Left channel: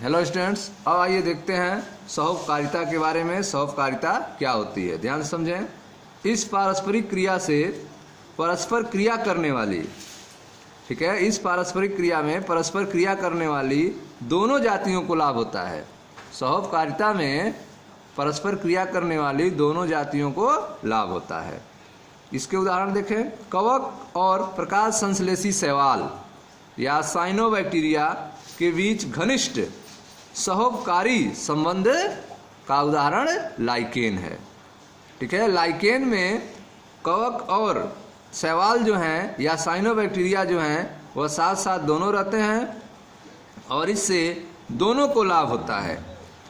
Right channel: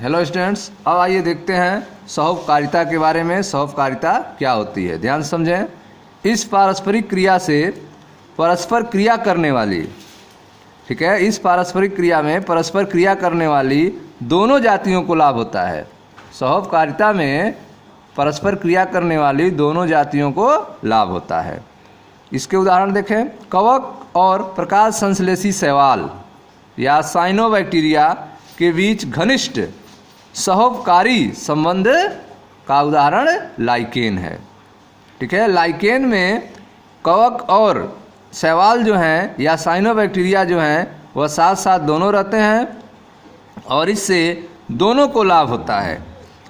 Hello students, अब आइए देखते हैं सहोपकारिता के बारे में। सहोपकारिता क्या होती है, ध्यान से समझें। इस पारस्परिक क्रिया से परस्पर क्रिया करने वाली, ठीक है, इस पारस्परिक क्रिया में परस्पर क्रिया करने वाली दोनों जातियों को लाभ होता है। सहोपकारिता में परस्पर क्रिया करने वाली दोनों जातियों को लाभ होता है। इसके उदाहरण देखें। कवक और प्रकाश संश्लेषी शैवाल या साइनोबैक्टीरिया के बीच घनिष्ठ सहोपकारी संबंध का उदाहरण लाइकेन है। ठीक है, लाइकेन में कवक और शैवाल जो हैं या साइनोबैक्टीरिया जो हैं वह साथ साथ दोनों रहते हैं और इससे दोनों को लाभ होता है।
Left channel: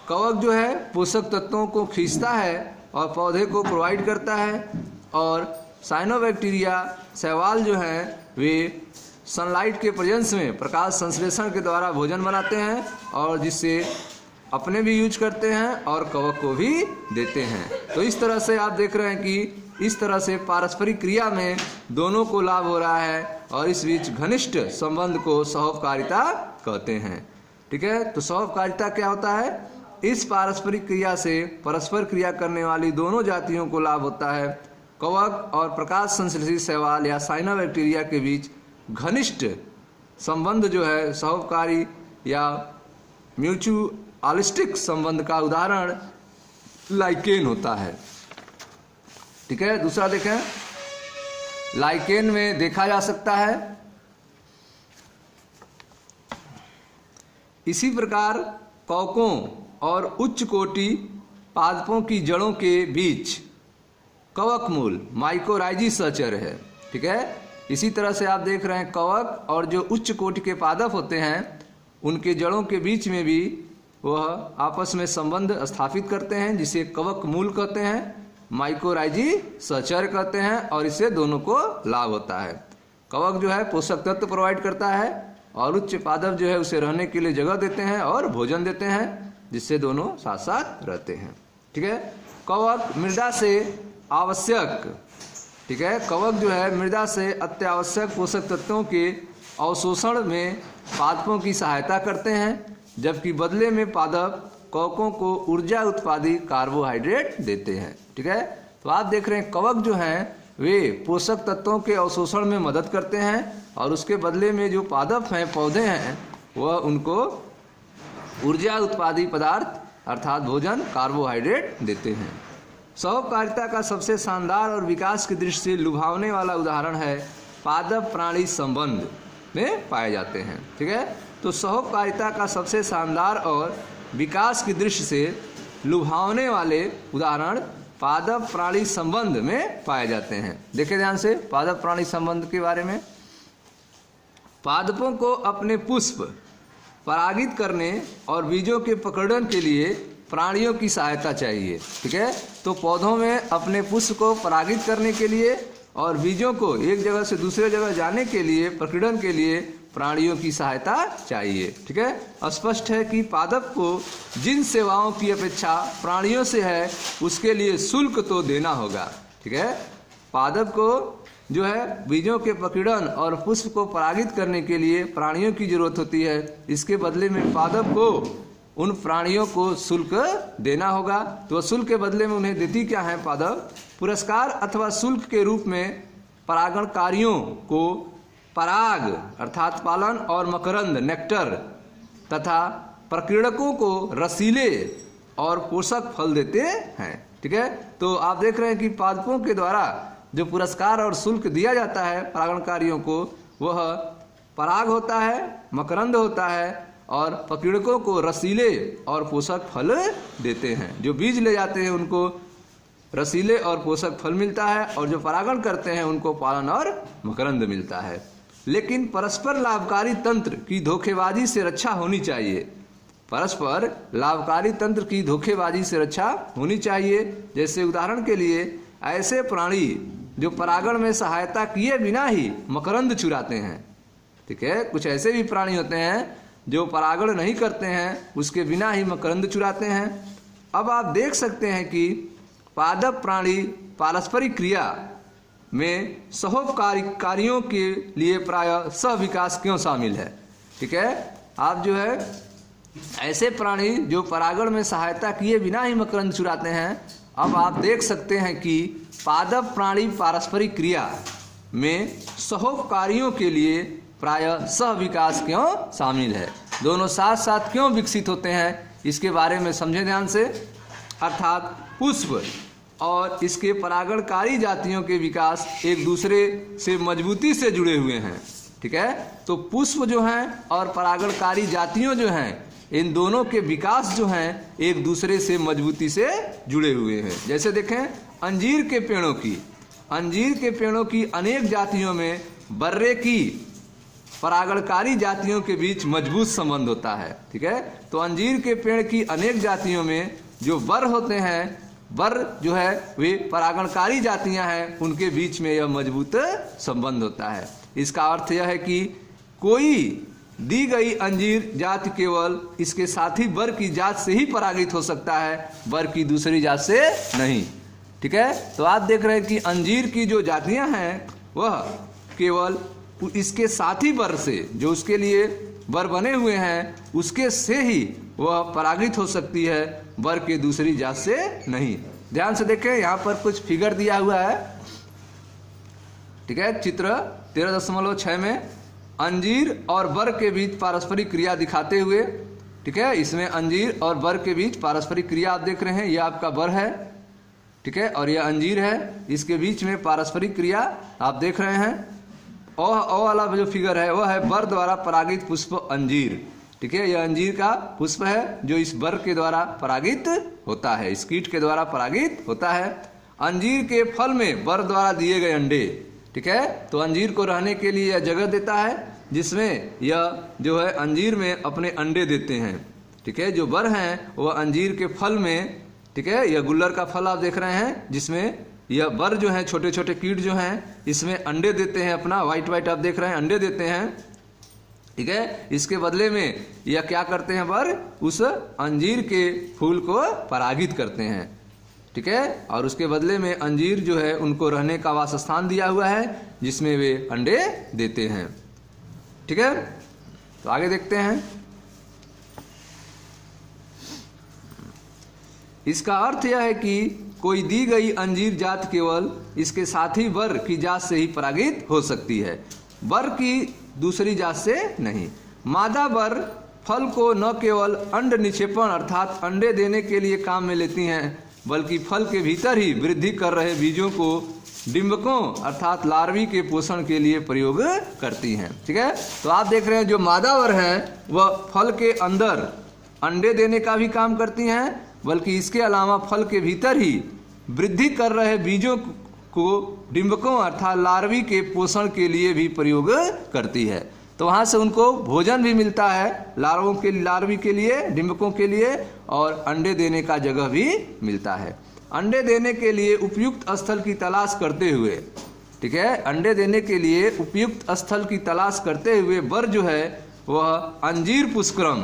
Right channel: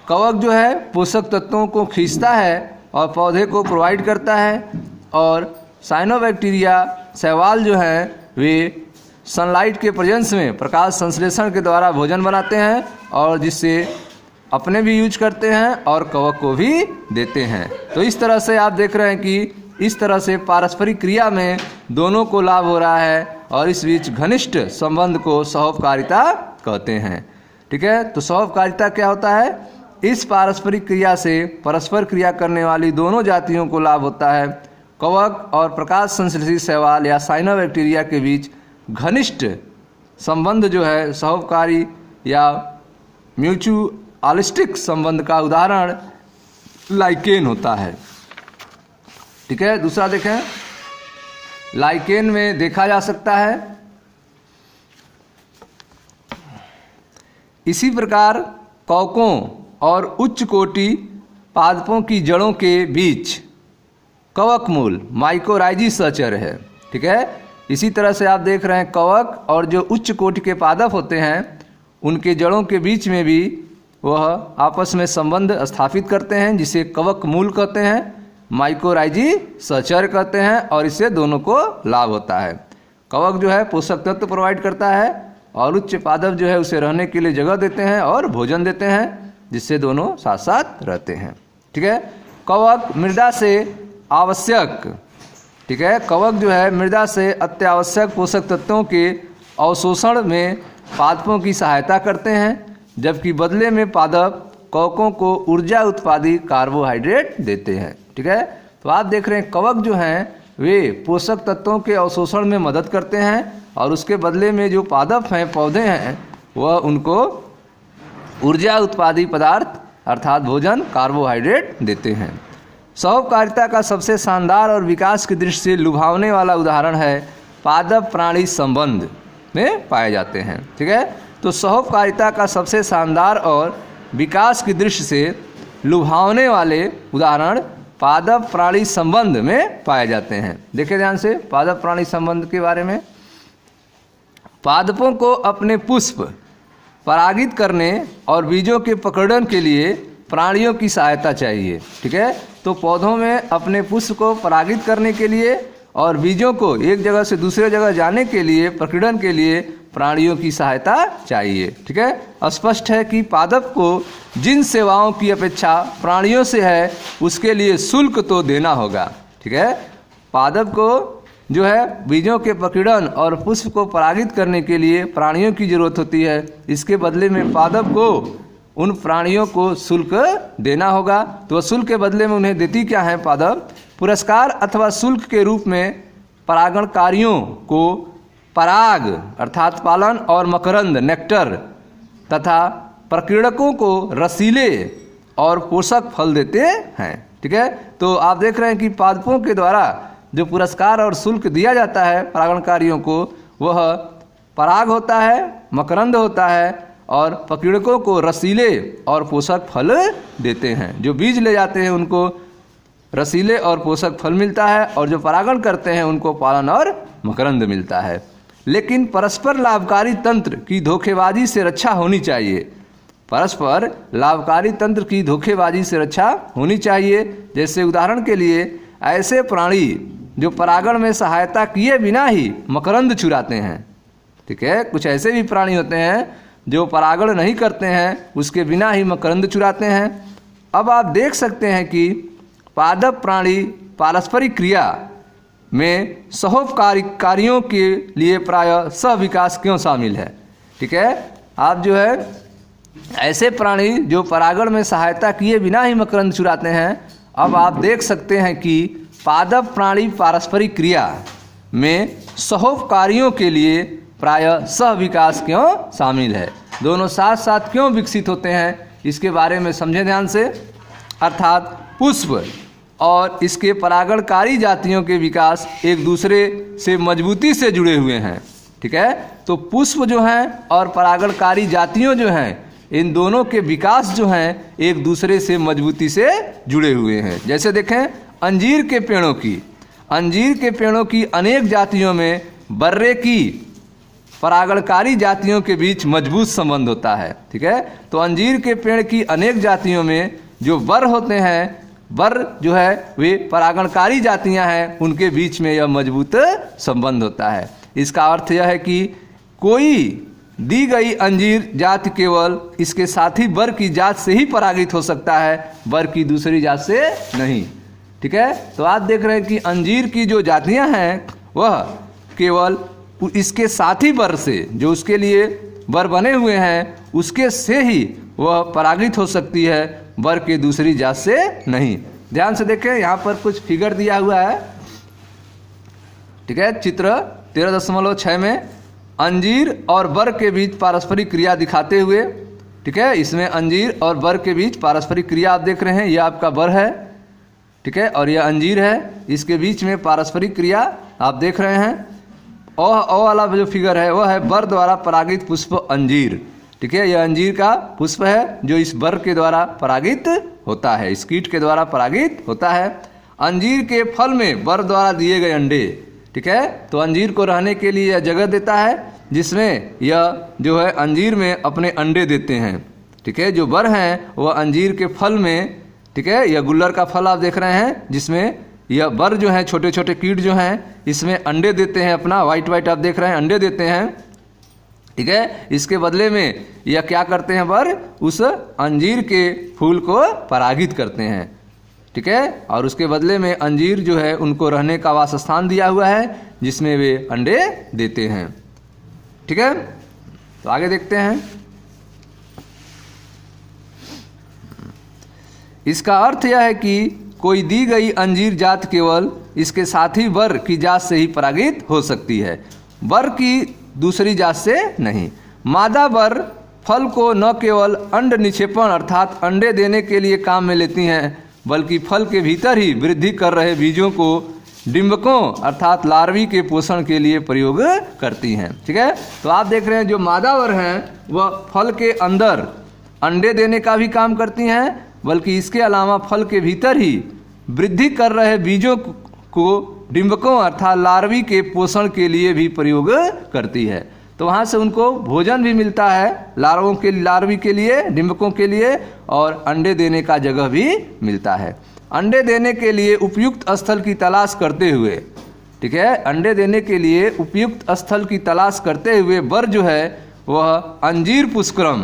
कवक जो है पोषक तत्वों को खींचता है और पौधे को प्रोवाइड करता है, और साइनोबैक्टीरिया शैवाल जो हैं वे सनलाइट के प्रेजेंस में प्रकाश संश्लेषण के द्वारा भोजन बनाते हैं और जिससे अपने भी यूज करते हैं और कवक को भी देते हैं। तो इस तरह से आप देख रहे हैं कि इस तरह से पारस्परिक क्रिया में दोनों को लाभ हो रहा है और इस बीच घनिष्ठ संबंध को सहोपकारिता कहते हैं। ठीक है, तो सहोपकारिता क्या होता है? इस पारस्परिक क्रिया से परस्पर क्रिया करने वाली दोनों जातियों को लाभ होता है। कवक और प्रकाश संश्लेषी शैवाल या साइनोबैक्टीरिया के बीच घनिष्ठ संबंध जो है सहोपकारी या म्यूचुअलिस्टिक संबंध का उदाहरण लाइकेन होता है। ठीक है, दूसरा देखें। लाइकेन में देखा जा सकता है इसी प्रकार कवकों और उच्च कोटि पादपों की जड़ों के बीच कवक मूल माइकोराइजी सहचर्य है। ठीक है, इसी तरह से आप देख रहे हैं कवक और जो उच्च कोटि के पादप होते हैं उनके जड़ों के बीच में भी वह आपस में संबंध स्थापित करते हैं जिसे कवक मूल कहते हैं, माइकोराइजी सहचर्य कहते हैं, और इससे दोनों को लाभ होता है। कवक जो है पोषक तत्व प्रोवाइड करता है और उच्च पादप जो है उसे रहने के लिए जगह देते हैं और भोजन देते हैं, जिससे दोनों साथ साथ रहते हैं। ठीक है, कवक मृदा से आवश्यक, ठीक है, कवक जो है मृदा से अत्यावश्यक पोषक तत्वों के अवशोषण में पादपों की सहायता करते हैं, जबकि बदले में पादप कवकों को ऊर्जा उत्पादी कार्बोहाइड्रेट देते हैं। ठीक है, तो आप देख रहे हैं कवक जो हैं वे पोषक तत्वों के अवशोषण में मदद करते हैं और उसके बदले में जो पादप हैं, पौधे हैं, वह उनको ऊर्जा उत्पादी पदार्थ अर्थात भोजन कार्बोहाइड्रेट देते हैं। सहोपकारिता का सबसे शानदार और विकास की दृष्टि से लुभावने वाला उदाहरण है पादप प्राणी संबंध में पाए जाते हैं। ठीक है, तो सहोपकारिता का सबसे शानदार और विकास की दृष्टि से लुभावने वाले उदाहरण पादप प्राणी संबंध में पाए जाते हैं। देखिए ध्यान से पादप प्राणी संबंध के बारे में। पादपों को अपने पुष्प परागित करने और बीजों के प्रकरण के लिए प्राणियों की सहायता चाहिए। ठीक है, तो पौधों में अपने पुष्प को परागित करने के लिए और बीजों को एक जगह से दूसरे जगह जाने के लिए, प्रकीर्णन के लिए प्राणियों की सहायता चाहिए। ठीक है, स्पष्ट है कि पादप को जिन सेवाओं की अपेक्षा प्राणियों से है उसके लिए शुल्क तो देना होगा। ठीक है, पादप को जो है बीजों के प्रकीर्णन और पुष्प को परागित करने के लिए प्राणियों की जरूरत होती है। इसके बदले में पादप को उन प्राणियों को शुल्क देना होगा। तो शुल्क के बदले में उन्हें देती क्या है पादप? पुरस्कार अथवा शुल्क के रूप में परागणकारियों को पराग अर्थात पालन और मकरंद नेक्टर तथा प्रकीर्णकों को रसीले और पोषक फल देते हैं। ठीक है, तो आप देख रहे हैं कि पादपों के द्वारा जो पुरस्कार और शुल्क दिया जाता है परागणकारियों को, वह पराग होता है, मकरंद होता है और प्रकीर्णकों को रसीले और पोषक फल देते हैं। जो बीज ले जाते हैं उनको रसीले और पोषक फल मिलता है और जो परागण करते हैं उनको पालन और मकरंद मिलता है। लेकिन परस्पर लाभकारी तंत्र की धोखेबाजी से रक्षा होनी चाहिए। परस्पर लाभकारी तंत्र की धोखेबाजी से रक्षा होनी चाहिए। जैसे उदाहरण के लिए ऐसे प्राणी जो परागण में सहायता किए बिना ही मकरंद चुराते हैं। ठीक है, कुछ ऐसे भी प्राणी होते हैं जो परागण नहीं करते हैं, उसके बिना ही मकरंद चुराते हैं। अब आप देख सकते हैं कि पादप प्राणी पारस्परिक क्रिया में सहोपकारियों के लिए प्रायः सह विकास क्यों शामिल है। ठीक है, आप जो है ऐसे प्राणी जो परागण में सहायता किए बिना ही मकरंद चुराते हैं। अब आप देख सकते हैं कि पादप प्राणी पारस्परिक क्रिया में सहोपकारियों के लिए प्रायः सह विकास क्यों शामिल है, दोनों साथ साथ क्यों विकसित होते हैं, इसके बारे में समझें ध्यान से। अर्थात पुष्प और इसके परागणकारी जातियों के विकास एक दूसरे से मजबूती से जुड़े हुए हैं। ठीक है, तो पुष्प जो हैं और परागणकारी जातियों जो हैं, इन दोनों के विकास जो हैं एक दूसरे से मजबूती से जुड़े हुए हैं। जैसे देखें अंजीर के पेड़ों की अनेक जातियों में बर्रे की परागणकारी जातियों के बीच मजबूत संबंध होता है। ठीक है, तो अंजीर के पेड़ की अनेक जातियों में जो बर होते हैं, बर जो है वे परागणकारी जातियां हैं, उनके बीच में यह मजबूत संबंध होता है। इसका अर्थ यह है कि कोई दी गई अंजीर जाति केवल इसके साथी बर की जात से ही परागित हो सकता है, बर की दूसरी जात से नहीं। ठीक है, तो आप देख रहे हैं कि अंजीर की जो जातियां हैं वह केवल इसके साथी बर से, जो उसके लिए बर बने हुए हैं, उसके से ही वह परागित हो सकती है, बर के दूसरी जात से नहीं। ध्यान से देखें, यहाँ पर कुछ फिगर दिया हुआ है। ठीक है, चित्र 13.6 में अंजीर और बर के बीच पारस्परिक क्रिया दिखाते हुए, ठीक है, इसमें अंजीर और बर के बीच पारस्परिक क्रिया आप देख रहे हैं। यह आपका बर है, ठीक है, और यह अंजीर है, इसके बीच में पारस्परिक क्रिया आप देख रहे हैं। ओ वाला जो फिगर है वह है बर द्वारा परागित पुष्प अंजीर। ठीक है, यह अंजीर का पुष्प है जो इस बर के द्वारा परागित होता है, इस कीट के द्वारा परागित होता है। अंजीर के फल में बर द्वारा दिए गए अंडे, ठीक है, तो अंजीर को रहने के लिए यह जगह देता है जिसमें यह जो है अंजीर में अपने अंडे देते हैं। ठीक है, जो बर हैं वह अंजीर के फल में, ठीक है, यह गुल्लर का फल आप देख रहे हैं जिसमें यह बर जो है छोटे छोटे कीट जो हैं इसमें अंडे देते हैं, अपना वाइट आप देख रहे हैं, अंडे देते हैं। ठीक है, इसके बदले में यह क्या करते हैं, बर उस अंजीर के फूल को परागित करते हैं। ठीक है, और उसके बदले में अंजीर जो है उनको रहने का वासस्थान दिया हुआ है जिसमें वे अंडे देते हैं। ठीक है, तो आगे देखते हैं। इसका अर्थ यह है कि कोई दी गई अंजीर जात केवल इसके साथी बर की जात से ही परागित हो सकती है, बर की दूसरी जात से नहीं। मादा बर फल को न केवल अंड निक्षेपण अर्थात अंडे देने के लिए काम में लेती हैं, बल्कि फल के भीतर ही वृद्धि कर रहे बीजों को डिंबकों अर्थात लार्वी के पोषण के लिए प्रयोग करती हैं। ठीक है, तो आप देख रहे हैं जो मादा बर हैं वह फल के अंदर अंडे देने का भी काम करती हैं, बल्कि इसके अलावा फल के भीतर ही वृद्धि कर रहे बीजों को डिंबकों अर्थात लार्वी के पोषण के लिए भी प्रयोग करती है। तो वहाँ से उनको भोजन भी मिलता है, लार्वी के लिए, डिंबकों के लिए, और अंडे देने का जगह भी मिलता है। अंडे देने के लिए उपयुक्त स्थल की तलाश करते हुए, ठीक है, अंडे देने के लिए उपयुक्त स्थल की तलाश करते हुए बर जो है वह अंजीर पुष्पक्रम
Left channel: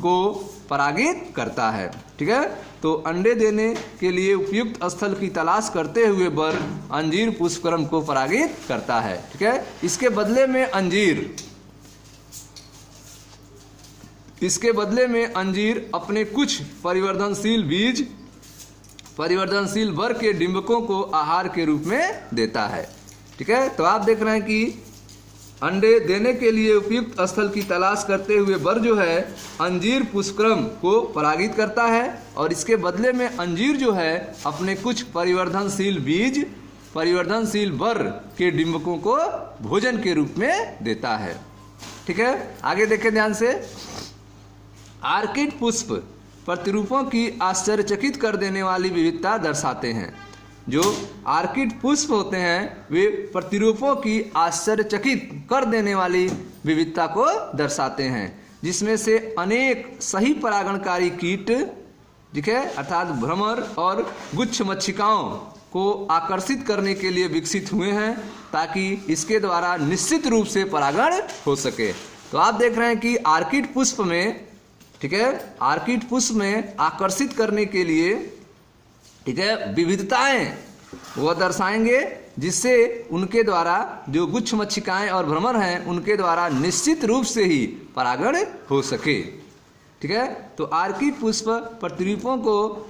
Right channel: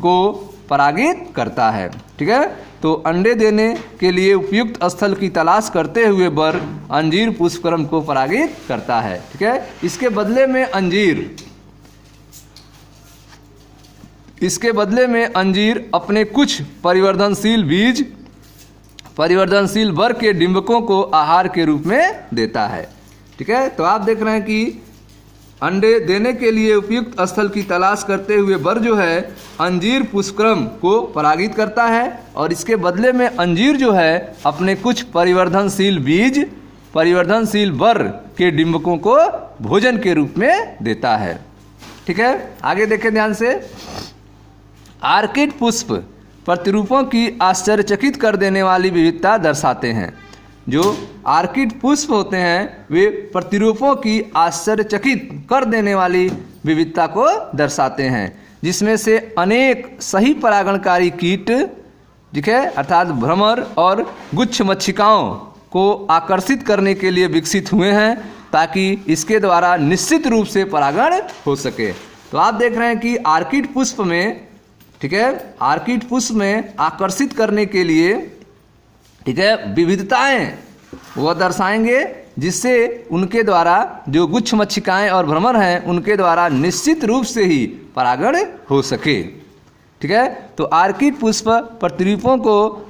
को परागित करता है। ठीक है, तो अंडे देने के लिए उपयुक्त स्थल की तलाश करते हुए बर अंजीर पुष्पक्रम को परागित करता है। ठीक है, इसके बदले में अंजीर अपने कुछ परिवर्तनशील बर के डिंबकों को आहार के रूप में देता है। ठीक है, तो आप देख रहे हैं कि अंडे देने के लिए उपयुक्त स्थल की तलाश करते हुए बर जो है अंजीर पुष्पक्रम को परागित करता है, और इसके बदले में अंजीर जो है अपने कुछ परिवर्तनशील बर के डिंबकों को भोजन के रूप में देता है। ठीक है, आगे देखें ध्यान से। आर्किड पुष्प प्रतिरूपों की आश्चर्यचकित कर देने वाली विविधता दर्शाते हैं। जो आर्किड पुष्प होते हैं वे प्रतिरूपों की आश्चर्यचकित कर देने वाली विविधता को दर्शाते हैं, जिसमें से अनेक सही परागणकारी कीट, ठीक है, अर्थात भ्रमर और गुच्छ मक्षिकाओं को आकर्षित करने के लिए विकसित हुए हैं, ताकि इसके द्वारा निश्चित रूप से परागण हो सके। तो आप देख रहे हैं कि आर्किड पुष्प में, ठीक है, आर्किड पुष्प में आकर्षित करने के लिए, ठीक है, विविधताएं वह दर्शाएंगे जिससे उनके द्वारा जो गुच्छ मक्षिकाएं और भ्रमर हैं उनके द्वारा निश्चित रूप से ही परागण हो सके। ठीक है। तो आर्किड पुष्प प्रतिरूपों को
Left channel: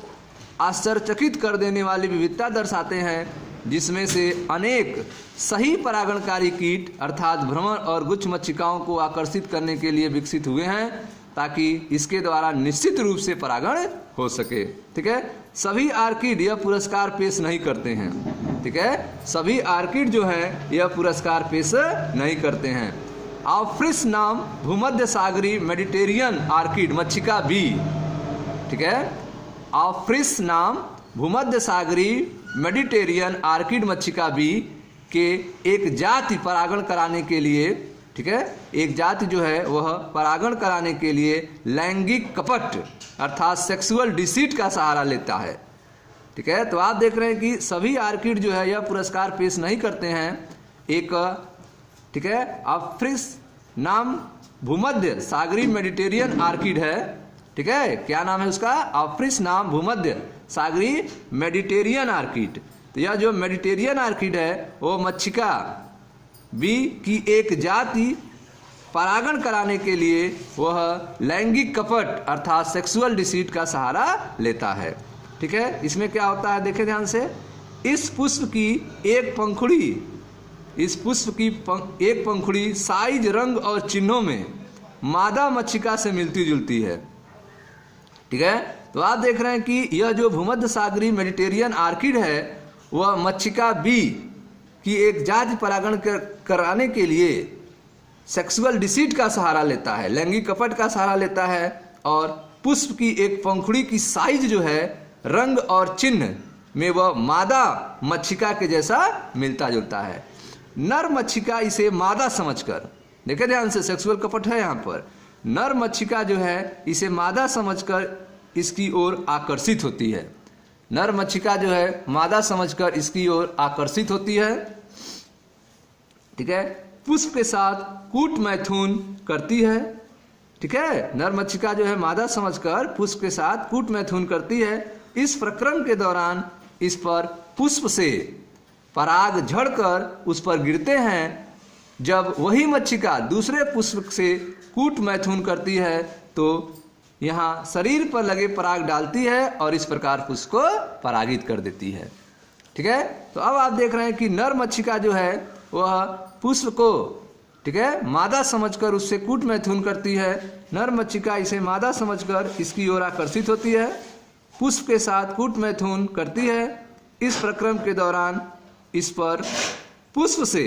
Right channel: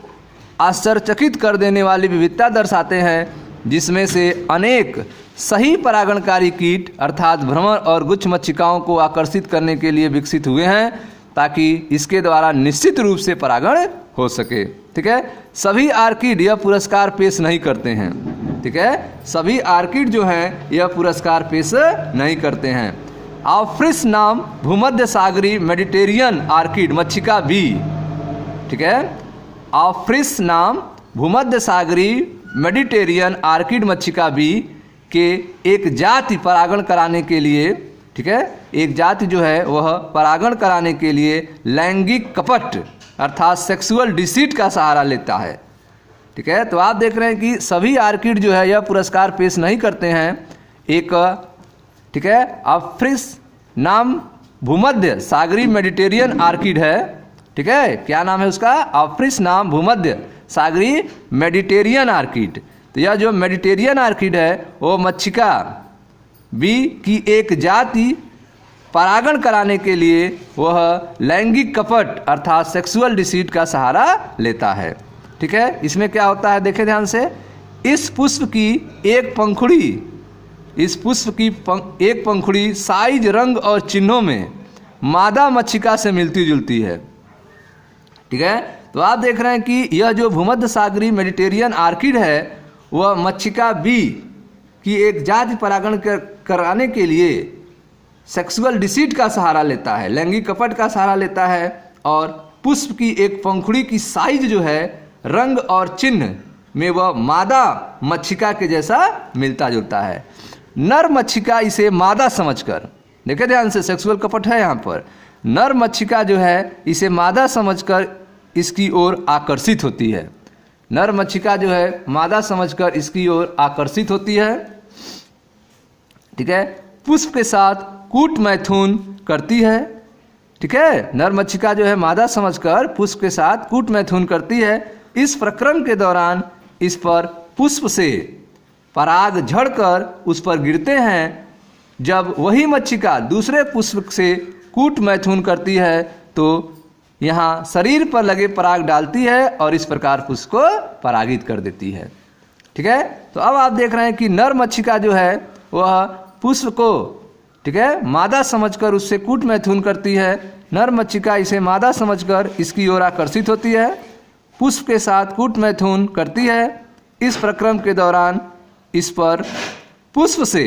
आश्चर्यचकित कर देने वाली विविधता दर्शाते हैं, जिसमें से अनेक सही परागणकारी कीट अर्थात भ्रमर और गुच्छ मक्षिकाओं को आकर्षित करने के लिए विकसित हुए हैं, ताकि इसके द्वारा निश्चित रूप से परागण हो सके। ठीक है। सभी आर्किड यह पुरस्कार पेश नहीं करते हैं। ठीक है। सभी आर्किड जो हैं यह पुरस्कार पेश नहीं करते हैं। ऑफ्रिस नाम भूमध्य सागरी मेडिटेरियन आर्किड मक्षिका बी, ठीक है। ऑफ्रिस नाम भूमध्य सागरी मेडिटेरियन आर्किड मक्षिका बी के एक जाति परागण कराने के लिए, ठीक है, एक जाति जो है वह परागण कराने के लिए लैंगिक कपट अर्थात सेक्सुअल डिसीट का सहारा लेता है। ठीक है। तो आप देख रहे हैं कि सभी आर्किड जो है यह पुरस्कार पेश नहीं करते हैं। एक, ठीक है, ऑफ्रिस नाम भूमध्य सागरी मेडिटेरियन आर्किड है। ठीक है। क्या नाम है उसका? ऑफ्रिस नाम भूमध्य सागरी मेडिटेरियन आर्किड। तो यह जो मेडिटेरियन आर्किड है वो मक्षिका बी की एक जाति परागण कराने के लिए वह लैंगिक कपट अर्थात सेक्सुअल डिसीट का सहारा लेता है। ठीक है। इसमें क्या होता है देखें ध्यान से। इस पुष्प की एक पंखुड़ी, इस पुष्प की एक पंखुड़ी साइज, रंग और चिन्हों में मादा मक्षिका से मिलती जुलती है। ठीक है। तो आप देख रहे हैं कि यह जो भूमध्य सागरी मेडिटेरियन आर्किड है वह मक्षिका बी की एक जाति परागण कराने के लिए सेक्सुअल डिसीट का सहारा लेता है, लैंगिक कपट का सहारा लेता है, और पुष्प की एक पंखुड़ी की साइज जो है, रंग और चिन्ह में वह मादा मक्षिका के जैसा मिलता जुलता है। नर मक्षिका इसे मादा समझकर, देखे ध्यान से, सेक्सुअल कपट है यहाँ पर। नर मक्षिका जो है इसे मादा समझकर इसकी ओर आकर्षित होती है। नर मक्षिका जो है मादा समझकर इसकी ओर आकर्षित होती है। ठीक है। पुष्प के साथ कूट मैथुन करती है। ठीक है। नर मक्षिका जो है मादा समझकर पुष्प के साथ कूट मैथुन करती है। इस प्रक्रम के दौरान इस पर पुष्प से पराग झड़कर उस पर गिरते हैं। जब वही मक्षिका दूसरे पुष्प से कूट मैथुन करती है तो यहाँ शरीर पर लगे पराग डालती है और इस प्रकार पुष्प को परागित कर देती है। ठीक है। तो अब आप देख रहे हैं कि नर मक्षिका जो है वह पुष्प को, ठीक है, मादा समझकर उससे कूट मैथुन करती है। नर मक्षिका इसे मादा समझकर इसकी ओर आकर्षित होती है, पुष्प के साथ कूट मैथुन करती है। इस प्रक्रम के दौरान इस पर पुष्प से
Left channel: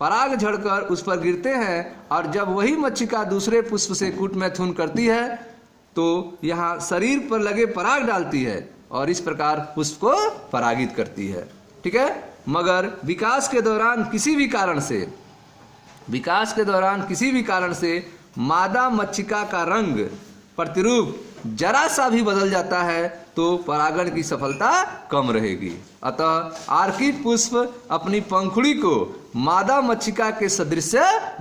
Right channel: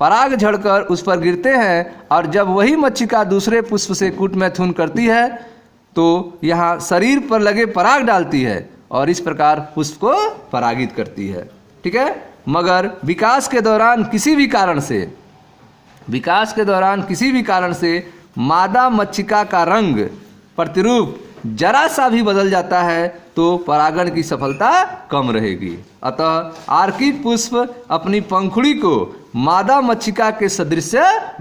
पराग झड़कर उस पर गिरते हैं और जब वही मक्षिका दूसरे पुष्प से कूट मैथुन करती है तो यहाँ शरीर पर लगे पराग डालती है और इस प्रकार पुष्प को परागित करती है। ठीक है। मगर विकास के दौरान किसी भी कारण से मादा मक्षिका का रंग प्रतिरूप जरा सा भी बदल जाता है तो परागण की सफलता कम रहेगी। अतः आर्किड पुष्प अपनी पंखुड़ी को मादा मक्षिका के सदृश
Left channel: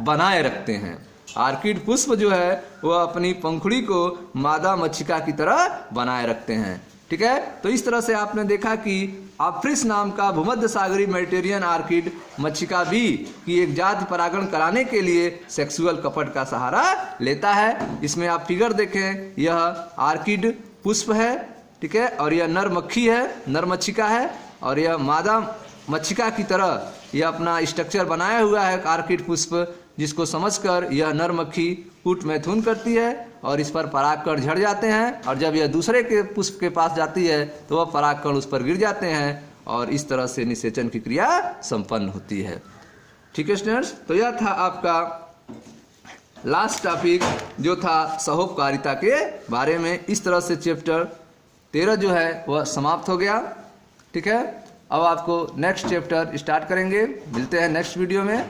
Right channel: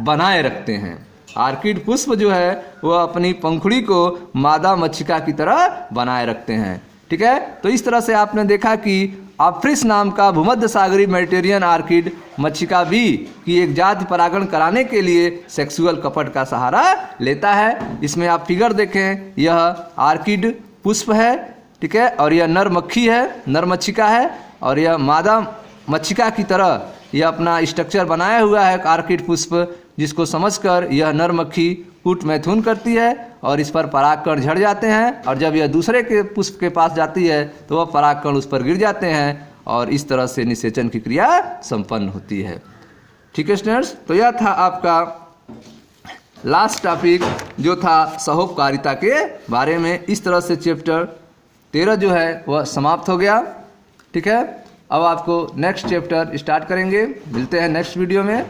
बनाए रखते हैं। आर्किड पुष्प जो है वह अपनी पंखुड़ी को मादा मक्षिका की तरह बनाए रखते हैं। ठीक है। तो इस तरह से आपने देखा कि ऑफ्रिस नाम का भूमध्य सागरी मेडिटेरियन आर्किड मक्षिका बी की एक जाति परागण कराने के लिए सेक्सुअल कपट का सहारा लेता है। इसमें आप फिगर देखें, यह आर्किड पुष्प है। ठीक है। और यह नर मक्खी है, नर मक्षिका है, और यह मादा मक्षिका की तरह यह अपना स्ट्रक्चर बनाया हुआ है आर्किड पुष्प, जिसको समझकर यह नर मक्खी कूट मैथुन करती है और इस पर परागकण झड़ जाते हैं और जब यह दूसरे के पुष्प के पास जाती है तो वह परागकण उस पर गिर जाते हैं और इस तरह से निषेचन की क्रिया संपन्न होती है। ठीक है स्टूडेंट्स। तो यह था आपका लास्ट टॉपिक जो था सहोपकारिता के बारे में। इस तरह से चैप्टर 13 जो है वह समाप्त हो गया। ठीक है। अब आपको नेक्स्ट चैप्टर स्टार्ट करेंगे। मिलते हैं नेक्स्ट वीडियो में।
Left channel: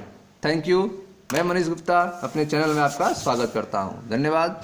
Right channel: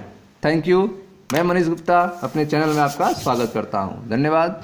Thank you. मैं मनीष गुप्ता अपने चैनल में आपका स्वागत करता हूं। धन्यवाद।